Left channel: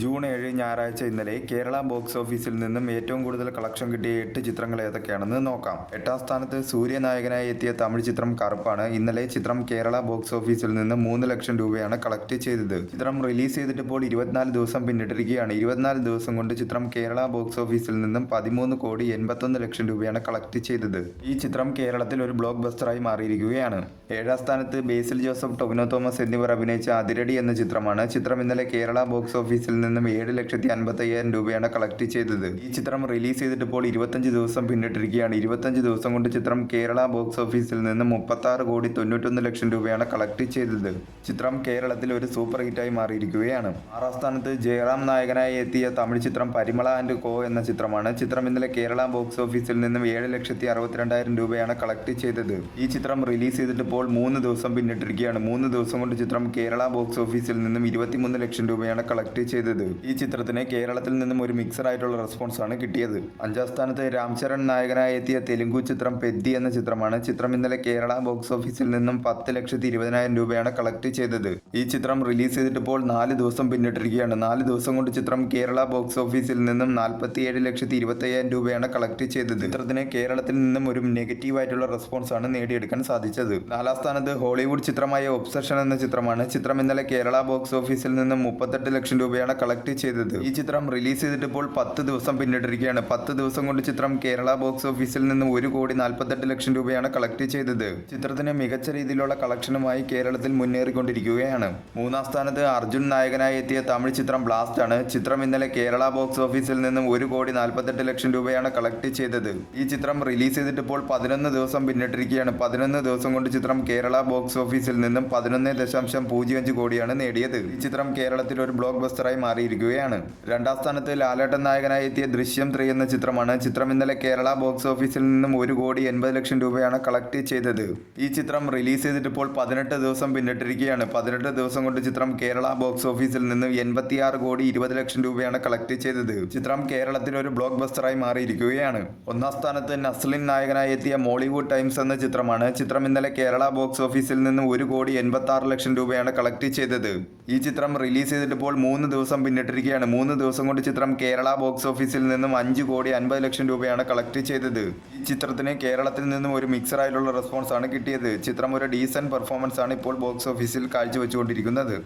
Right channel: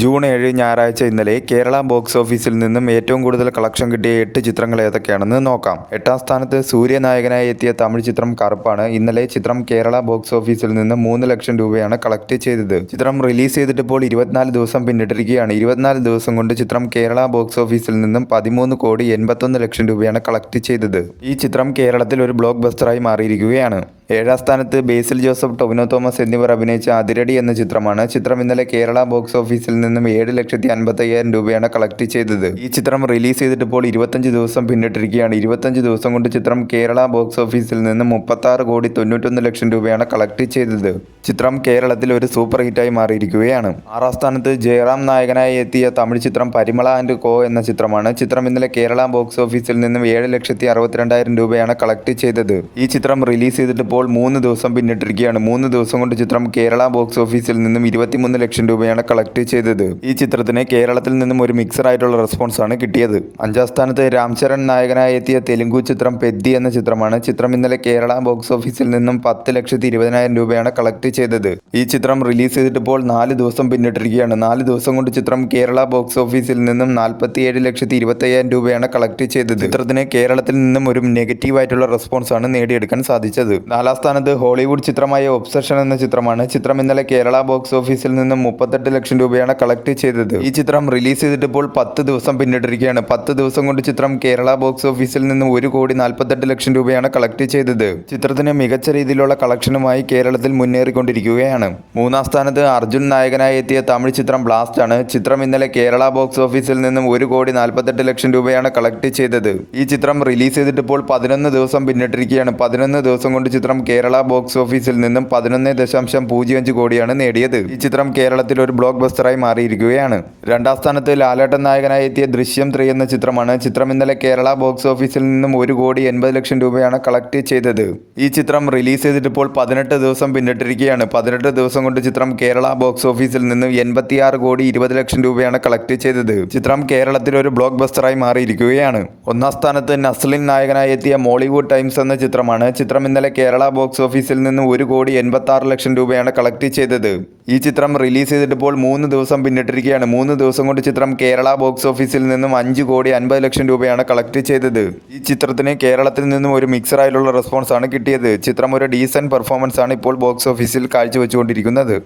June 7 ഞായറാഴ്ച ഇന്നലെ Kerala box ഓഫീസിൽ നിന്നും ഏറ്റവും കൂടുതൽ കളക്ഷൻ കിട്ടിയ 8 ചിത്രങ്ങൾ ഏതൊക്കെയാണെന്ന് നോക്കാം. 8ാം സ്ഥാനത്ത് സൂര്യനായകനായി എത്തിയ തമിഴ് ചിത്രം കറുപ്പാണ്. ഇന്നലെ ചിത്രം കേരള ബോക്സ് ഓഫീസിൽ നിന്ന് 3 ലക്ഷം രൂപയാണ് കളക്ട് ചെയ്തത്. ചിത്രം റിലീസ് ചെയ്തിട്ട് ഇപ്പോൾ 24 ദിവസം പിന്നിട്ടിരിക്കുകയാണ്. 24 ദിവസം കൊണ്ട് ചിത്രം കേരള ബോക്സ് ഓഫീസിൽ നിന്നും 13,81 ലക്ഷം രൂപയാണ് കളക്ട് ചെയ്തത്. ഈ ചിത്രം കേരളത്തിൽ ഒരു ബ്ലോക്ക് ബസ്റ്ററായി മാറിയിരിക്കുകയാണ്. 7ാം സ്ഥാനത്ത് ബേസിൽ ജോസഫ്, ടൊവിനോ തോമസ് എന്നിവർ അഭിനയിച്ച അതിരടി എന്ന ചിത്രമാണ്. ചിത്രം ഇന്നലെ കേരള ബോക്സ് ഓഫീസിൽ നിന്നും 7,55,000 രൂപയാണ് കളക്ട് ചെയ്തത്. ഈ ചിത്രം റിലീസ് ചെയ്തിട്ട് ഇപ്പോൾ 25 ദിവസം പിന്നിട്ടിരിക്കുകയാണ്. 25 ദിവസം കൊണ്ട് ചിത്രം കേരള ബോക്സ് ഓഫീസിൽ നിന്നും 36,91 ലക്ഷം രൂപയാണ് കളക്ട് ചെയ്തത്. ചിത്രം കേരളത്തിൽ ഒരു സൂപ്പർ ഹിറ്റായി മാറിയിരിക്കുകയാണ്. 6ാം സ്ഥാനത്ത് ജയറാം നായകനായി എത്തിയ തമിഴ് ചിത്രം പരിമള ആൻഡ് കോ എന്ന ചിത്രമാണ്. ചിത്രം ഇന്നലെ കേരള ബോക്സ് ഓഫീസിൽ നിന്നും 7,62,000 രൂപയാണ് കളക്ട് ചെയ്തത്. ഈ ചിത്രം റിലീസ് ചെയ്തിട്ട് ഇപ്പോൾ 3 ദിവസം പിന്നിട്ടിരിക്കുകയാണ്. 3 ദിവസം കൊണ്ട് ചിത്രം കേരള ബോക്സ് ഓഫീസിൽ നിന്നും 23 ലക്ഷം രൂപയാണ് കളക്ട് ചെയ്തത്. ഈ ചിത്രത്തിന് കേരളത്തിൽ നിന്നും ഒരു മിക്സർ ആയിട്ടുള്ള റെസ്പോൺസ് ആണ് കിട്ടിയത്. 5ാം സ്ഥാനത്ത് രാം ചരൺ നായകനായി എത്തിയ തെലുങ്കു ചിത്രം പെദ്ദി എന്ന ചിത്രമാണ്. ചിത്രം ഇന്നലെ കേരള ബോക്സ് ഓഫീസിൽ നിന്നും 10,20,000 രൂപയാണ് കളക്ട് ചെയ്തത്. ഈ ചിത്രം റിലീസ് ചെയ്തിട്ട് ഇപ്പോൾ 4 ദിവസം പിന്നിട്ടിരിക്കുകയാണ്. 4 ദിവസം കൊണ്ട് ചിത്രം കേരള ബോക്സ് ഓഫീസിൽ നിന്നും 47,25,000 രൂപയാണ് കളക്ട് ചെയ്തത്. ചിത്രത്തിന് കേരളത്തിൽ നിന്നും ഒരു നെഗറ്റീവ് ആയിട്ടുള്ള റെസ്പോൺസ് ആണ് നേടിയെടുക്കാൻ സാധിച്ചത്. 4ാം സ്ഥാനത്ത് ഹോളിവുഡ് ചിത്രമായ ഒബ്സഷൻ എന്ന ചിത്രമാണ്. ചിത്രം ഇന്നലെ കേരള ബോക്സ് ഓഫീസിൽ നിന്നും 38 ലക്ഷം രൂപയാണ് കളക്ട് ചെയ്തത്. ഈ ചിത്രം റിലീസ് ചെയ്തിട്ട് ഇപ്പോൾ 10 ദിവസം പിന്നിട്ടിരിക്കുകയാണ്. 10 ദിവസം കൊണ്ട് ചിത്രം കേരള ബോക്സ് ഓഫീസിൽ നിന്നും 1,48 ലക്ഷം രൂപയാണ് കളക്ട് ചെയ്തത്. ചിത്രത്തിന് മികച്ച രീതിയിലുള്ള കളക്ഷനുമായി കേരളത്തിൽ മുന്നേറിക്കൊണ്ടിരിക്കുകയാണ്. 3ാം സ്ഥാനത്ത് അർജുൻ നായകനായി എത്തിയ തമിഴ് ചിത്രം ബ്ലാസ്റ്റ് ആണ്. ചിത്രം ഇന്നലെ കേരള ബോക്സ് ഓഫീസിൽ നിന്നും 1,48 ലക്ഷം രൂപയാണ് കളക്ട് ചെയ്തത്. ഈ ചിത്രം റിലീസ് ചെയ്തിട്ട് ഇപ്പോൾ 11 ദിവസം പിന്നിട്ടിരിക്കുകയാണ്. 11 ദിവസം കൊണ്ട് ചിത്രം കേരള ബോക്സ് ഓഫീസിൽ നിന്നും 11.05 കോടിയാണ് നേടിയത്. ഈ ചിത്രം കേരളത്തിൽ ഒരു ബ്ലോക്ക് ബസ്റ്ററായി മാറിയിരിക്കുകയാണ്. 2ാം സ്ഥാനത്ത് ലാലേട്ടൻ നായകനായി എത്തിയ ദൃശ്യം 3 എന്ന ചിത്രമാണ്. ചിത്രം ഇന്നലെ കേരള ബോക്സ് ഓഫീസിൽ നിന്നും 1,80 ലക്ഷം രൂപയാണ് കളക്ട് ചെയ്തത്. ഈ ചിത്രം റിലീസ് ചെയ്തിട്ട് ഇപ്പോൾ 18 ദിവസം പിന്നിട്ടിരിക്കുകയാണ്. 18 ദിവസം കൊണ്ട് ചിത്രം കേരള ബോക്സ് ഓഫീസിൽ നിന്നും 86,20 ലക്ഷം രൂപയാണ് കളക്ട് ചെയ്തത്. ചിത്രം കേരളത്തിൽ ഒരു ബ്ലോക്ക് ബസ്റ്ററായി മാറിയിരിക്കുകയാണ്. 1ാം സ്ഥാനത്ത് നസ്ലിൻ നായകനായി എത്തിയ മോളിവുഡ് ടൈംസ് എന്ന ചിത്രമാണ്. ചിത്രം ഇന്നലെ കേരള ബോക്സ് ഓഫീസിൽ നിന്നും 1,86 ലക്ഷം രൂപയാണ് കളക്ട് ചെയ്തത്. ഈ ചിത്രം റിലീസ് ചെയ്തിട്ട് ഇപ്പോൾ 3 ദിവസം പിന്നിട്ടിരിക്കുകയാണ്. 3 ദിവസം കൊണ്ട് ചിത്രം കേരള ബോക്സ് ഓഫീസിൽ നിന്നും 5,50 ലക്ഷം രൂപയാണ് കളക്ട് ചെയ്തത്. ഈ ചിത്രത്തിന് കേരളത്തിൽ നിന്നും ഒരു മിക്സർ ആയിട്ടുള്ള റെസ്പോൺസ് ആണ് കിട്ടിയത്. ചിത്രം ഒരു ഡീസന്റ് പെർഫോമൻസ് ആണ് ഇപ്പോൾ ബോക്സ് ഓഫീസിൽ കാഴ്ചവെച്ചുകൊണ്ടിരിക്കുന്നത്.